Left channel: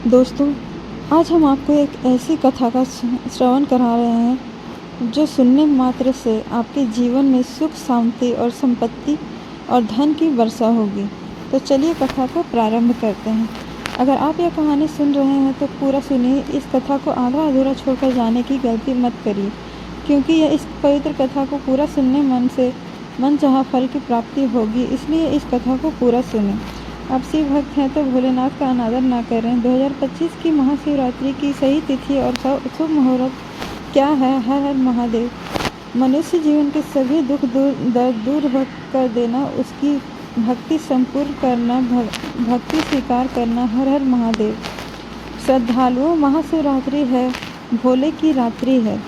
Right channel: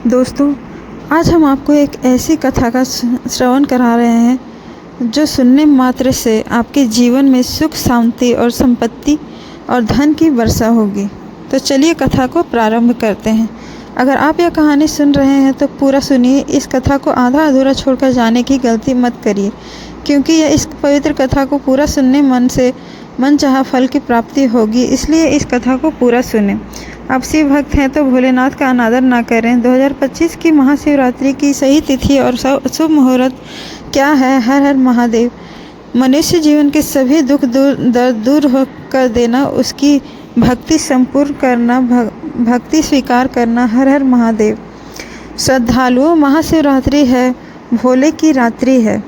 दोस्तों, आज हम आपको एक ऐसी कथा का श्रवण करा रहे हैं जो सुनने मात्र से आपके जीवन में सुख, शांति और संपत्ति और धन की वर्षा होगी। तो चलिए कथा को प्रारंभ करते हैं। अगर आप यह कहानी सुन रहे हैं तो पूरा सुनिए। इस कथा को आधा अधूरा छोड़कर जाने की गलती मत करिए, क्योंकि यह इस पवित्र कथा को पूरा सुनने मन चाहा फल की प्राप्ति होगी। इसलिए इस कथा को पूरा सुने। आप शिव भक्त हैं तो भोलेनाथ का अनादर ना करें। 2025 की महाशिवरात्रि की सही तिथि और शुभ मुहूर्त क्या है? हर हर महादेव। मनुष्य जीवन के सभी दुख दर्द दूर कर देना, उसकी भक्ति संपूर्ण करना, भक्ति स्वीकार करना। हर हर महादेव। श्रद्धालुओं, महाशिवरात्रि है, भोले की रात्रि है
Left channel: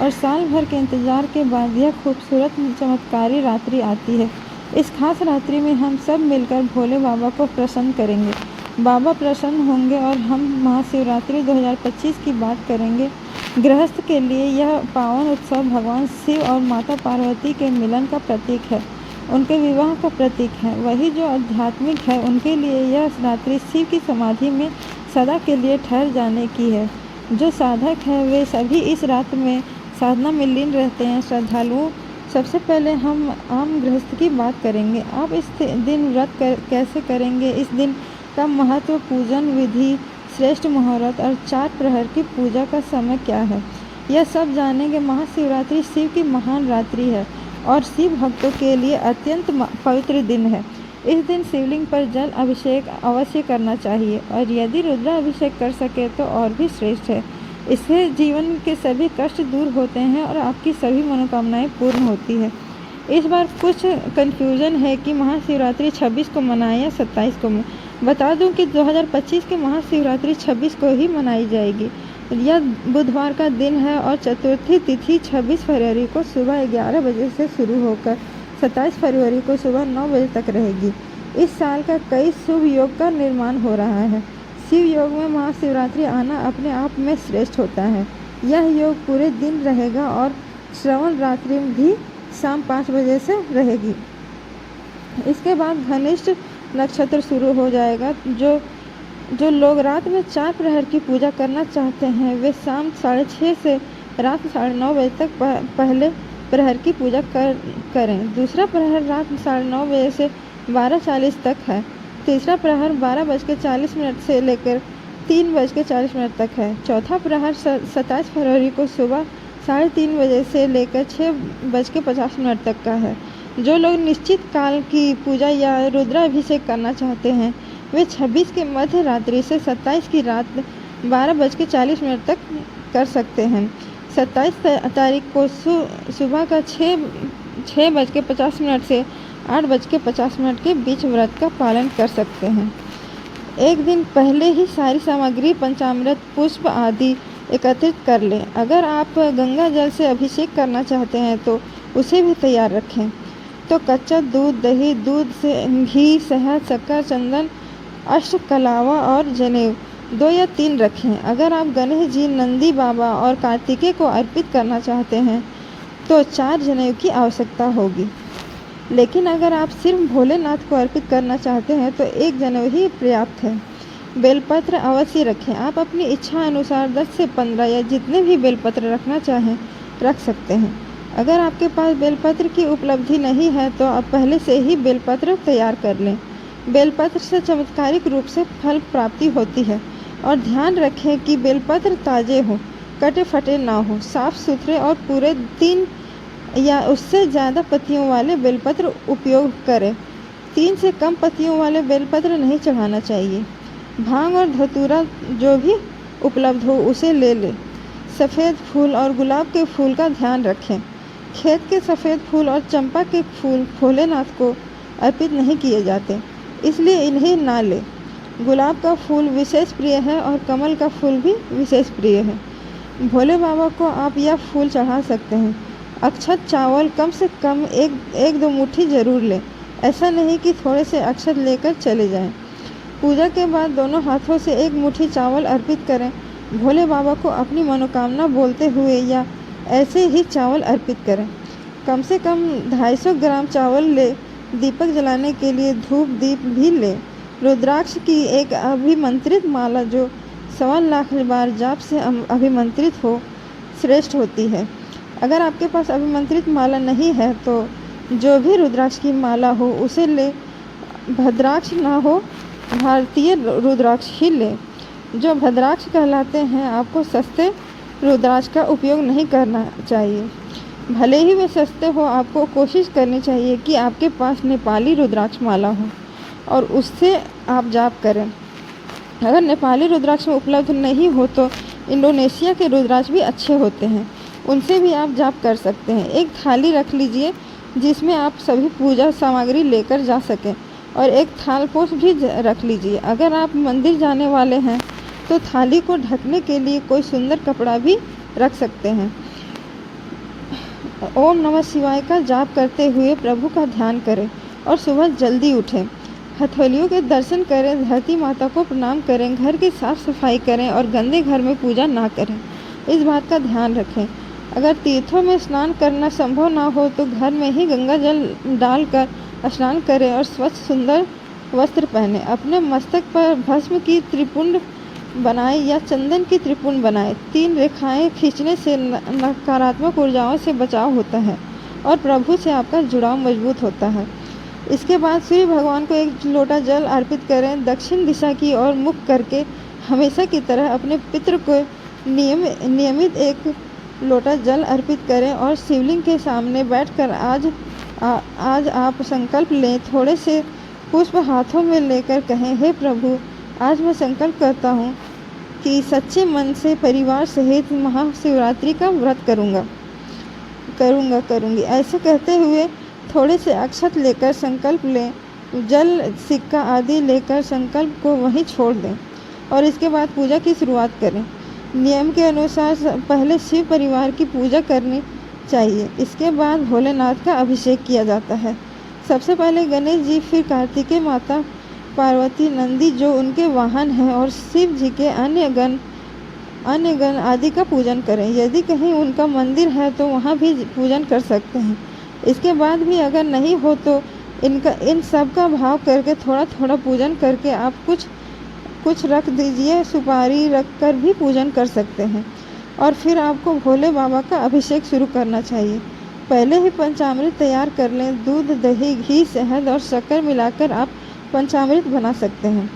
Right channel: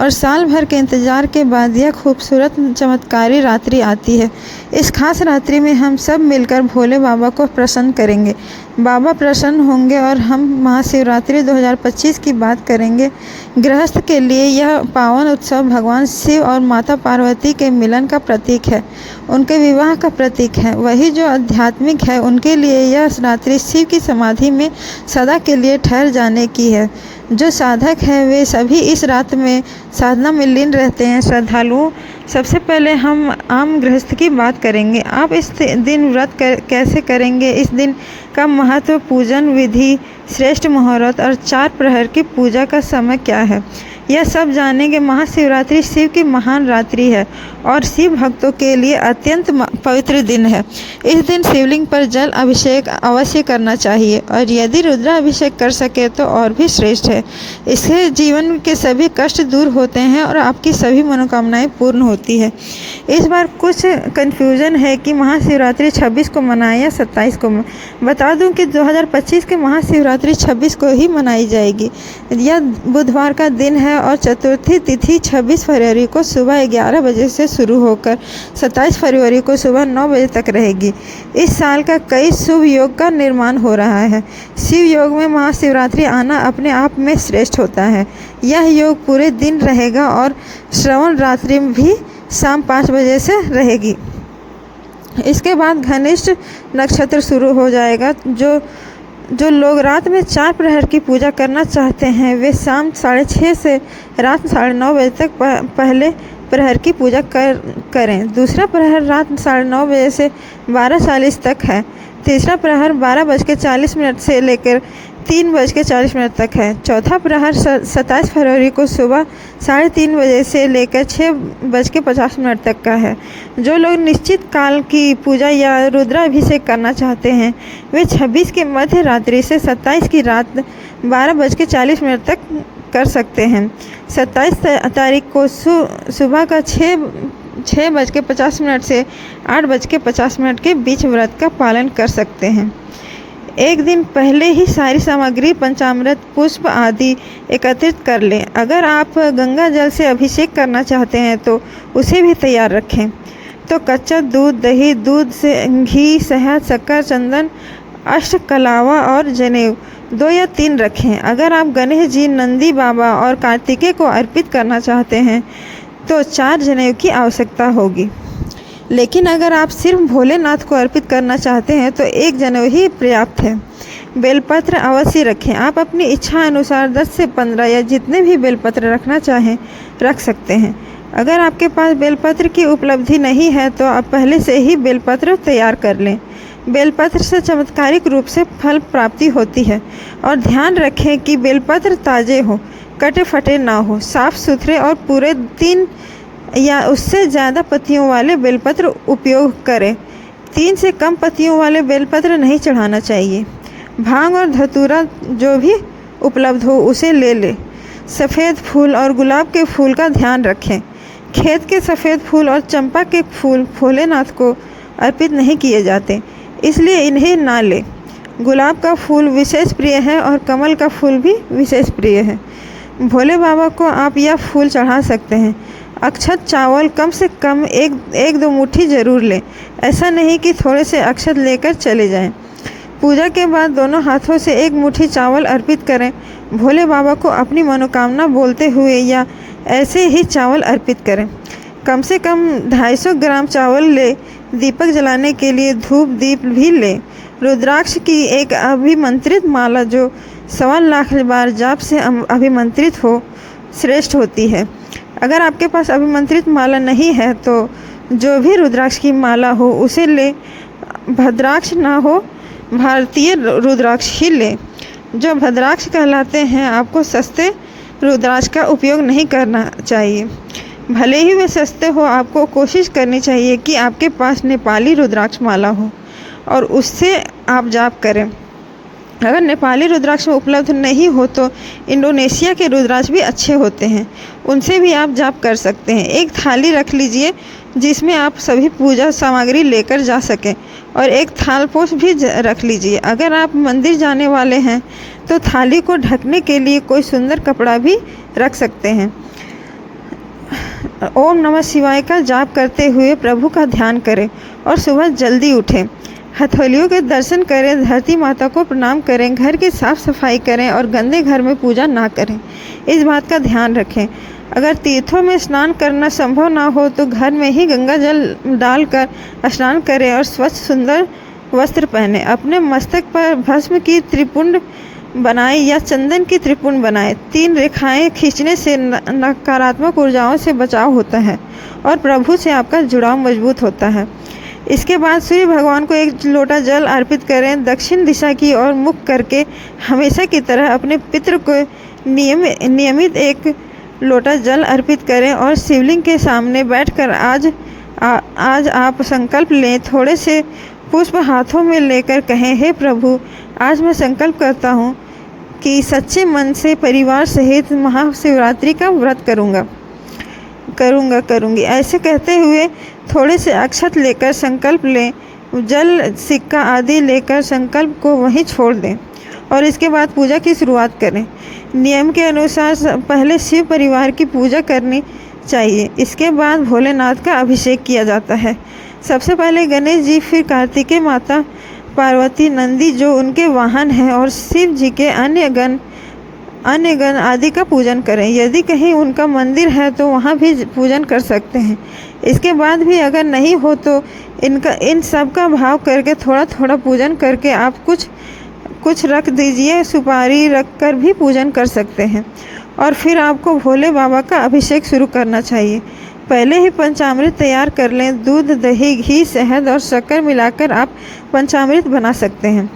और साल भर के इंतजार के बाद यह खूबसूरत चमत्कारी रात्रि आती है। इस खास रात्रि में हम सब मिलकर भोले बाबा को प्रसन्न करेंगे। बाबा प्रसन्न होंगे और हम महाशिवरात्रि 2025 की बात करेंगे। गृहस्थ के लिए यह पावन उत्सव भगवान शिव और माता पार्वती के मिलन का प्रतीक है, उनके विवाह का प्रतीक है। वही जो आध्यात्मिक है, उनके लिए यह रात्रि शिव की समाधि में सदा के लिए ठहर जाने की है। जो साधक हैं वे सभी इस रात में साधना में लीन रहते हैं। श्रद्धालुओं, सबसे पहले हम आम गृहस्थ की बात करेंगे। आप इस दिन व्रत कैसे करेंगे? इस दिन का महत्व, पूजन विधि, श्रेष्ठ मुहूर्त और 4 प्रहर की पूजा का समय क्या है, यह सब जानेंगे। महाशिवरात्रि शिव की महान रात्रि है और शिव भक्तों के लिए अत्यंत पवित्र दिन है। इस दिन शिवलिंग पर जल अभिषेक अवश्य करना चाहिए और यदि रुद्राभिषेक कर सके तो और भी श्रेष्ठ है। इससे जीवन के सभी कष्ट दूर होते हैं और आपकी सभी मनोकामनाएं पूर्ण होती है। इस बार कुछ कन्फ्यूज़न है कि महाशिवरात्रि 26 को मनाएं या 27 को। बता दूं कि 2025 के महाशिवरात्रि 26 को ही मनाई जाएगी। यह बुधवार का दिन है और चतुर्थी तिथि 26 फरवरी को सुबह 11 बजे से शुरू होकर 27 फरवरी को सुबह 9 बजे तक रहेगी। इस साल का कई शुभ योग का निर्माण हो रहा है। शिव योग में महाशिवरात्रि आना अपने आप में श्रेष्ठ होता है। यह योग पूरे दिन रहेगा और श्रवण रात्रि भी शाम 5 बजे से रहेगी। इसके बाद घनिष्ठ नक्षत्र शुरू हो जाएगा। जो लोग रात में 4 प्रहर की पूजा करना चाहते हैं वे शाम 6:30 से रात 9:30 बजे तक पहले प्रहर की पूजा करें। दूसरा प्रहर रात 9:30 बजे से 12:40 तक है। तीसरा प्रहर 12:40 से लेकर 3:40 तक है। चौथा प्रहर 27 फरवरी को सुबह 3:30 बजे से लेकर 6:50 तक का है। जो लोग निश्चित काल की पूजा या रुद्राभिषेक करना चाहते हैं वे 26 के मध्य रात्रि से 27 की रात 12:40 तक कर सकते हैं। 27 तारीख को सुबह का 6:50 से 8:50 के बीच व्रत का पालन कर सकते हैं। एक दिन पहले ही सारी सामग्री, पंचामृत, पुष्प आदि एकत्रित कर लें। अगर आप गंगा जल से अभिषेक करना चाहते हैं तो उसे भी तैयार रखें। तो कच्चा दूध, दही, दूध से घी, शहद, शक्कर, चंदन, अष्टकलावा और जनेऊ 2 या 3 रखें। अगर आप गणेश जी, नंदी बाबा और कार्तिकेय को अर्पित करना चाहते हैं तो 4 जनेऊ की आवश्यकता होगी। लेकिन अगर आप सिर्फ भोलेनाथ को अर्पित करना चाहते हैं तो 1 जनेऊ ही पर्याप्त है। बेलपत्र अवश्य रखें। आप अपनी इच्छा अनुसार 10 से 15 या जितने भी बेलपत्र रखना चाहें रख सकते हैं। अगर आपके पास बेलपत्र की उपलब्धि नहीं है तो आप पहले से ही बेलपत्र तैयार कर लें। बेलपत्र से चमत्कारिक रूप से फल प्राप्ति होती है और ध्यान रखें कि बेलपत्र ताज़े हो, कटे फटे ना हो, साफ सुथरे और पूरे 3 या उससे ज़्यादा पत्तियों वाले बेलपत्र उपयोग करें। 3 से कम पत्तियों वाले बेलपत्र नहीं चढ़ाना चाहिए। भांग और धतूरा जो भी उपलब्ध हो उसे ले लें। सफ़ेद फूल और गुलाब के फूल का ध्यान रखें। खेत के सफ़ेद फूल और चंपा के फूल भोलेनाथ को अर्पित नहीं किए जाते, इसलिए इन्हें ना लें। गुलाब का फूल विशेष प्रिय है और कमल का फूल भी विशेष प्रिय है। भोले बाबा को आप यह फूल चढ़ा सकते हैं। अक्षत चावल कम से कम 1-2 मुट्ठी ज़रूर लें। ऐसा नहीं कि थोड़े से अक्षत लेकर चले जाएं। पूजा के बाद दोनों हाथों से 1 मुट्ठी चावल अर्पित करें। भोले बाबा को अपनी मनोकामना बोलते हुए या ऐसे ही चावल अर्पित करें। कम से कम 250 ग्राम चावल ले। दीपक जलाने के लिए धूप दीप भी लें रुद्राक्ष की एक अभिमंत्रित माला जो 1.25 लाख बार जाप से अभिमंत्रित हो श्रेष्ठ होती है। अगर आपके पास अभिमंत्रित माला नहीं है तो जो भी रुद्राक्ष की माला हो उसे ले, भद्राक्ष ना हो भारतीय रुद्राक्ष ही ले। जो भद्राक्ष कहलाते हैं, आपको सस्ते रुद्राक्ष का उपयोग नहीं करना चाहिए। भले ही वे सस्ते हो, आपको कोशिश करनी चाहिए कि आपके पास नेपाली रुद्राक्ष माला हो और उससे आप जाप करें। अगर नेपाली रुद्राक्ष उपलब्ध नहीं हो तो इंडोनेशिया के रुद्राक्ष भी अच्छे होते हैं, उनसे भी आप जाप कर सकते हैं। एक थाली रख लीजिए जिसमें आप सभी पूजा सामग्री लेकर जा सकें और एक थालपोश भी रख लीजिए। अगर आप मंदिर जाने वाले हैं तो थाली को ढकने के लिए कोई सुंदर कपड़ा भी रख सकते हैं। ओम नमः शिवाय का जाप करते हुए प्रभु का ध्यान करें और सुबह जल्दी उठें। हथेलियों के दर्शन करें, धरती माता को प्रणाम करें, घर की साफ सफाई करें और गंदे घर में पूजा ना करें। इस बात का ध्यान रखें। अगर तीर्थों में स्नान करना संभव ना हो तो घर में ही गंगा जल डालकर स्नान करें और स्वच्छ सुंदर वस्त्र पहने। अपने मस्तक पर भस्म की त्रिपुंड बनाएं या चंदन की त्रिपुंड बनाएं। 3 रेखाएं खींचने से नकारात्मक ऊर्जाओं से बचाव होता है और प्रभु से आपका जुड़ाव मजबूत होता है। इसके बाद सूर्य भगवान को एक लोटा जल अर्पित करें। दक्षिण दिशा की ओर मुख करके हमेशा की तरह अपने पितृ को नियमित एक लोटा जल अर्पित करें और शिवलिंग के सामने बैठकर आज आप संकल्प लें। थोड़े से पुष्प हाथों में लेकर कहें, हे प्रभु, आज मैं संकल्प करता हूँ कि सच्चे मन से परिवार सहित महाशिवरात्रि का व्रत करूँगी। ऐसे कहते हुए थोड़े से अक्षत लेकर संकल्प लें। जल, सिक्का आदि लेकर संकल्प को वहीं छोड़ दें और इसके बाद पूजा की शुरुआत करें। नियम के अनुसार पहले शिव परिवार की पूजा करनी चाहिए, इसके बाद भोलेनाथ का अभिषेक किया जाता है। सबसे पहले गणेश जी, फिर कार्तिकेय माता, पार्वती, नंदी जो उनके वाहन हैं और शिव जी के अन्य गण आदि का पूजन करें। यदि कहीं उनका मंदिर है तो वहाँ भी पूजन कर सकते हैं। इसके बाद भी अगर नहीं हो तो इन सब का भाव करके थोड़ा थोड़ा पूजन करके आप कुछ रख दीजिए। सुपारी रख कर भी पूजन कर सकते हैं और फिर आपको भोले बाबा का अभिषेक शुरू करना चाहिए। पहले ही पंचामृत तैयार कर लें। दूध, दही, घी, शहद और शक्कर मिलाकर आप पंचामृत बना सकते हैं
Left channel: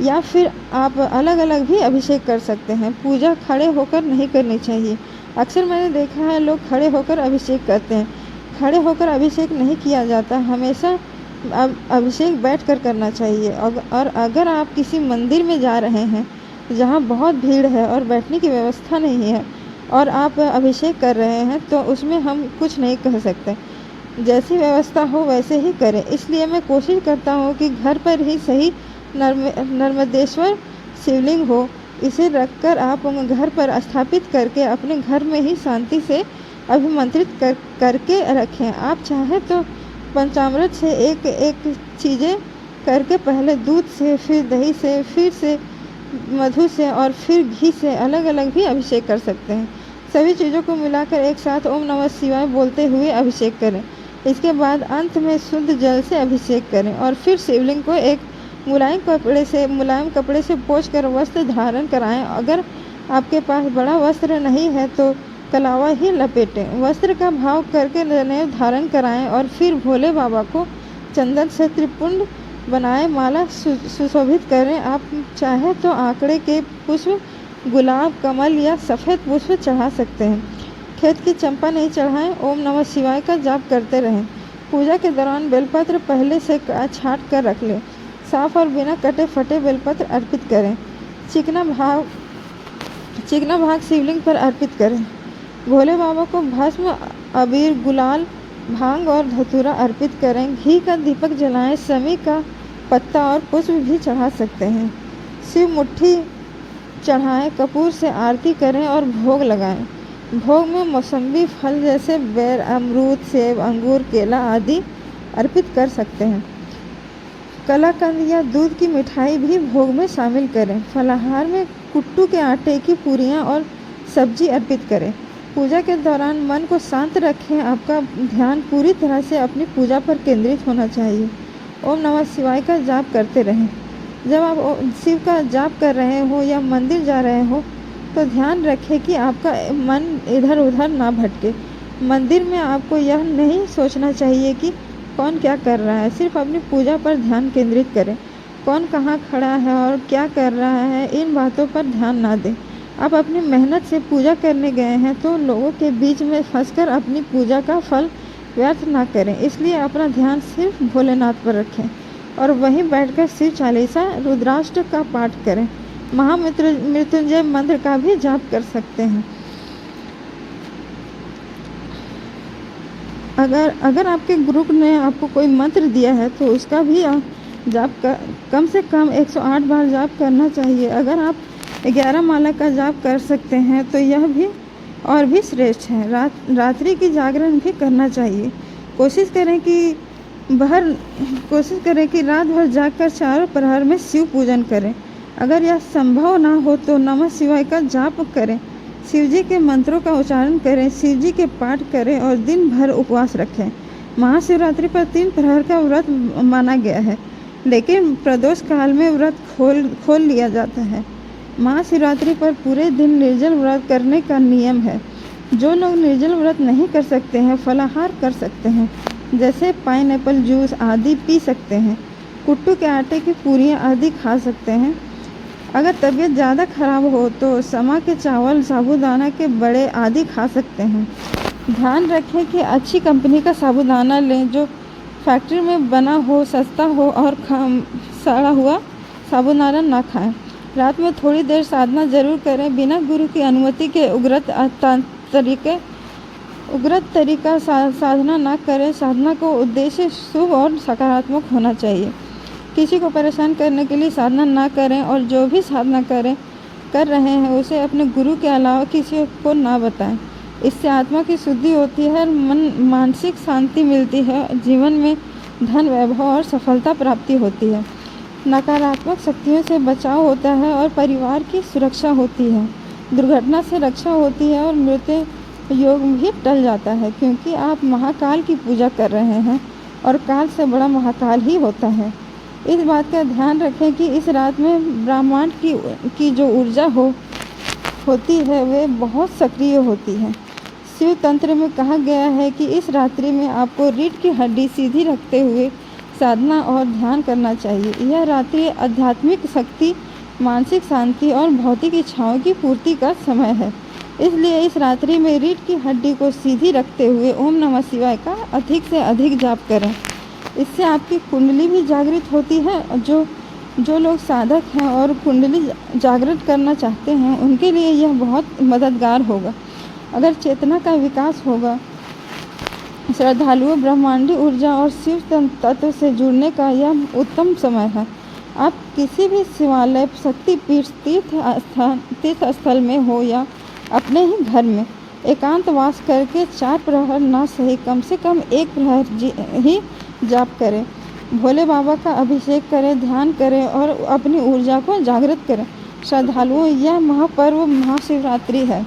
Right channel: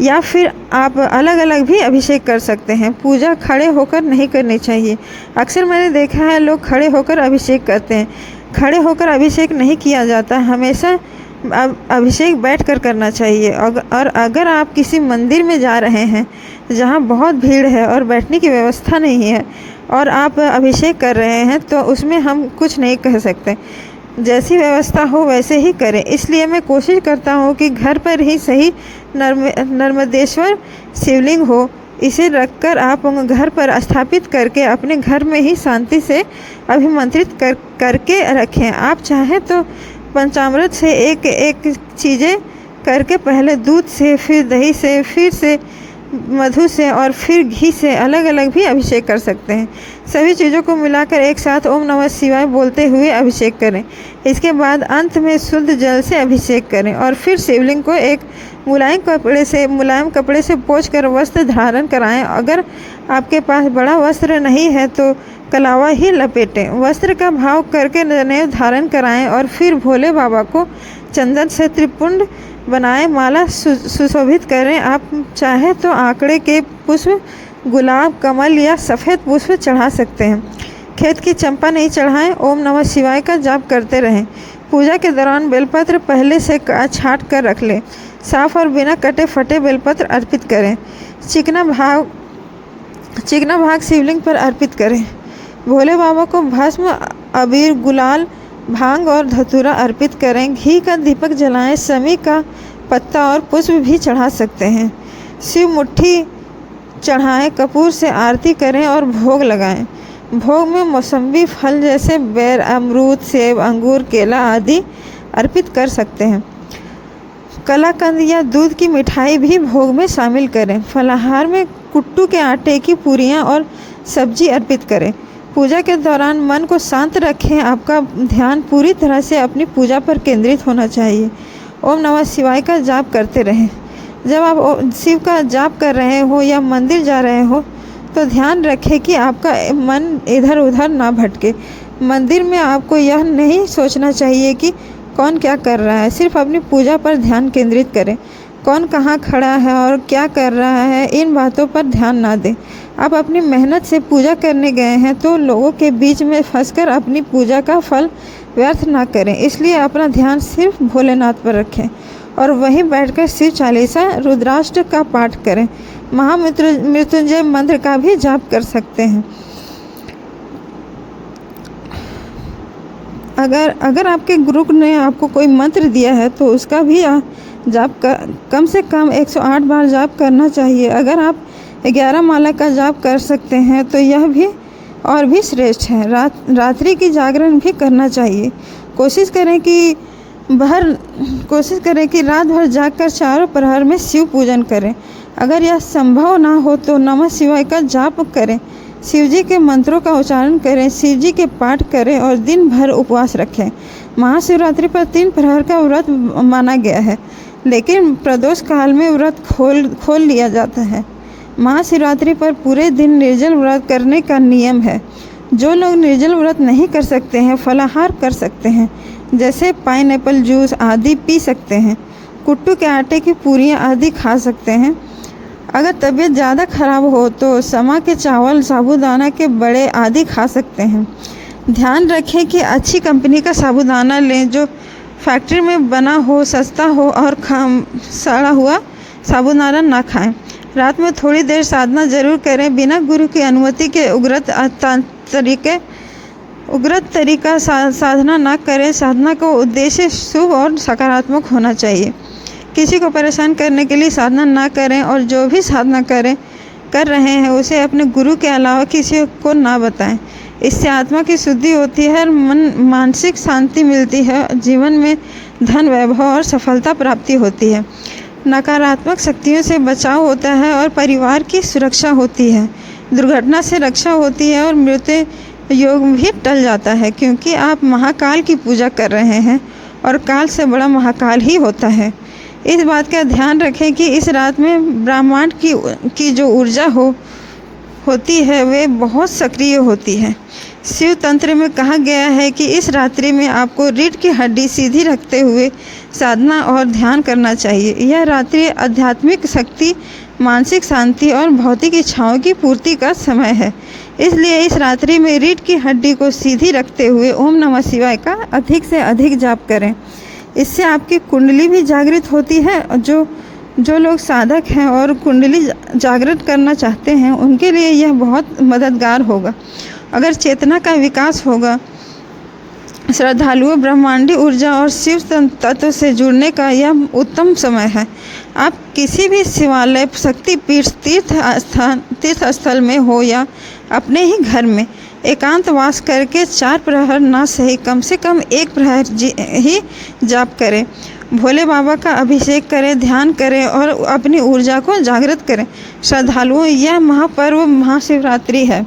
या फिर आप अलग अलग भी अभिषेक कर सकते हैं। पूजा खड़े होकर नहीं करनी चाहिए। अक्सर मैंने देखा है लोग खड़े होकर अभिषेक करते हैं। खड़े होकर अभिषेक नहीं किया जाता, हमेशा अभिषेक बैठकर करना चाहिए। और अगर आप किसी मंदिर में जा रहे हैं जहाँ बहुत भीड़ है और बैठने की व्यवस्था नहीं है और आप अभिषेक कर रहे हैं तो उसमें हम कुछ नहीं कह सकते। जैसी व्यवस्था हो वैसे ही करें। इसलिए मैं कोशिश करता हूँ कि घर पर ही सही नर्मदेश्वर शिवलिंग हो। इसे रखकर आप घर पर स्थापित करके अपने घर में ही शांति से अभिमंत्रित करके रखें। आप चाहें तो पंचामृत से एक एक चीज़ें करके पहले दूध से, फिर दही से, फिर से मधु से और फिर घी से अलग अलग भी अभिषेक कर सकते हैं। सभी चीज़ों को मिलाकर एक साथ ओम नमः शिवाय बोलते हुए अभिषेक करें। इसके बाद अंत में शुद्ध जल से अभिषेक करें और फिर शिवलिंग को एक मुलायम कपड़े से पोंछकर वस्त्र धारण कराएं। अगर आपके पास बड़ा वस्त्र नहीं है तो कलावा ही लपेटें। वस्त्र का भाव करके जनेऊ धारण कराएं और फिर भोले बाबा को चंदन से त्रिपुंड बनाएं, माला सुशोभित करें। आप चाहे तो आंकड़े के पुष्प, गुलाब, कमल या सफ़ेद पुष्प चढ़ा सकते हैं। खेत की चंपा नहीं चढ़ाएं। ओम नमः शिवाय का जाप करते रहें। पूजा के दौरान बेलपत्र पहले से छाँट कर रख लें। साफ और बिना कटे फटे बेलपत्र अर्पित करें। चिकना भाग शिवलिंग पर अर्पित करें। भोले बाबा को भस्म, अबीर, गुलाल, भांग और धतूरा अर्पित करें। घी का दीपक जलाएं। समी का पत्ता और पुष्प भी चढ़ा सकते हैं। शिव मुट्ठी चढ़ाएं। कपूर से आरती करें और भोग लगाएं। भोग में मौसम्बी फल जैसे बेर, अमरूद, सेब, अंगूर, केला आदि अर्पित कर सकते हैं। कलाकंद या दूध की मिठाई भी भोग में शामिल करें। फलाहार में कुट्टू के आटे की पूरियां और सब्जी अर्पित करें। पूजा के दौरान मन को शांत रखें। आपका ध्यान पूरी तरह से अपनी पूजा पर केंद्रित होना चाहिए। ओम नमः शिवाय का जाप करते रहें। जब आप शिव का जाप कर रहे हो या मंदिर जा रहे हो तो ध्यान रखें कि आपका मन इधर उधर ना भटके। मंदिर में आपको यह नहीं सोचना चाहिए कि कौन क्या कर रहा है, सिर्फ अपनी पूजा पर ध्यान केंद्रित करें। कौन कहाँ खड़ा है और क्या कर रहा है, इन बातों पर ध्यान ना दें। आप अपनी मेहनत से पूजा करने गए हैं तो लोगों के बीच में फंसकर अपनी पूजा का फल व्यर्थ ना करें। इसलिए अपना ध्यान सिर्फ भोलेनाथ पर रखें और वहीं बैठकर शिव चालीसा रुद्राष्टक का पाठ करें। महामृत्युंजय मंत्र का भी जाप कर सकते हैं। अगर आपके गुरु ने आपको कोई मंत्र दिया है तो उसका भी जाप कम से कम 108 बार जाप करना चाहिए। अगर आप 11 माला का जाप कर सकते हैं तो यह भी और भी श्रेष्ठ है। रात्रि की जागरण भी करना चाहिए। कोशिश करें कि रात भर जागकर चारों प्रहर में शिव पूजन करें। अगर यह संभव ना हो तो नमः शिवाय का जाप करें, शिवजी के मंत्रों का उच्चारण करें, शिवजी के पाठ करें और दिन भर उपवास रखें। महाशिवरात्रि पर 3 प्रहर का व्रत माना गया है, लेकिन प्रदोष काल में व्रत खोल लिया जाता है। महाशिवरात्रि पर पूरे दिन निर्जल व्रत करने का नियम है। जो लोग निर्जल व्रत नहीं कर सकते हैं फलाहार कर सकते हैं, जैसे पाइनएप्पल जूस आदि पी सकते हैं। कुट्टू के आटे की पूरियाँ आदि खा सकते हैं। अगर तबीयत ज़्यादा खराब हो तो समा के चावल, साबूदाना के बड़े आदि खा सकते हैं। ध्यान रखें कि अच्छी कंपनी का साबूदाना लें जो फैक्ट्री में बना हो, सस्ता हो और सड़ा हुआ साबूदाना ना खाएं। रात में थोड़ी देर साधना जरूर करें। बिना गुरु की अनुमति के उग्र तरीका साधना ना करें। साधना का उद्देश्य शुभ और सकारात्मक होना चाहिए। किसी को परेशान करने के लिए साधना ना करें और जो भी साधना कर रहे हैं उसे अपने गुरु के अलावा किसी को ना बताएं। इससे आत्मा की शुद्धि होती है, मानसिक शांति मिलती है, जीवन में धन, वैभव और सफलता प्राप्ति होती है। नकारात्मक शक्तियों से बचाव होता है और परिवार की सुरक्षा होती है। दुर्घटना से रक्षा होती है और मृत्यु योग भी टल जाता है, क्योंकि आप महाकाल की पूजा कर रहे हैं और काल से बड़ा महाकाल ही होता है। इस बात का ध्यान रखें कि इस रात में ब्रह्मांड की जो ऊर्जा होती है वे बहुत सक्रिय होती है। शिव तंत्र में कहा गया है कि इस रात्रि में आपको रीढ़ की हड्डी सीधी रखते हुए साधना और ध्यान करना चाहिए। यह रात्रि आध्यात्मिक शक्ति, मानसिक शांति और भौतिक इच्छाओं की पूर्ति का समय है। इसलिए इस रात्रि में रीढ़ की हड्डी को सीधी रखते हुए ओम नमः शिवाय का अधिक से अधिक जाप करें। इससे आपकी कुंडली भी जागृत होती है। जो लोग साधक हैं और कुंडली जागृत करना चाहते हैं उनके लिए यह बहुत मददगार होगा। अगर चेतना का विकास होगा, श्रद्धालुओं ब्रह्मांडी ऊर्जा और शिव तत्व से जुड़ने का यह उत्तम समय है। आप किसी भी शिवालय, शक्तिपीठ, तीर्थ स्थल में हो या अपने ही घर में एकांतवास करके 4 प्रहर ना सही कम से कम 1 प्रहर ही जाप करें। भोले बाबा का अभिषेक करें, ध्यान करें और अपनी ऊर्जा को जागृत करें। श्रद्धालुओं, यह महापर्व महाशिवरात्रि है।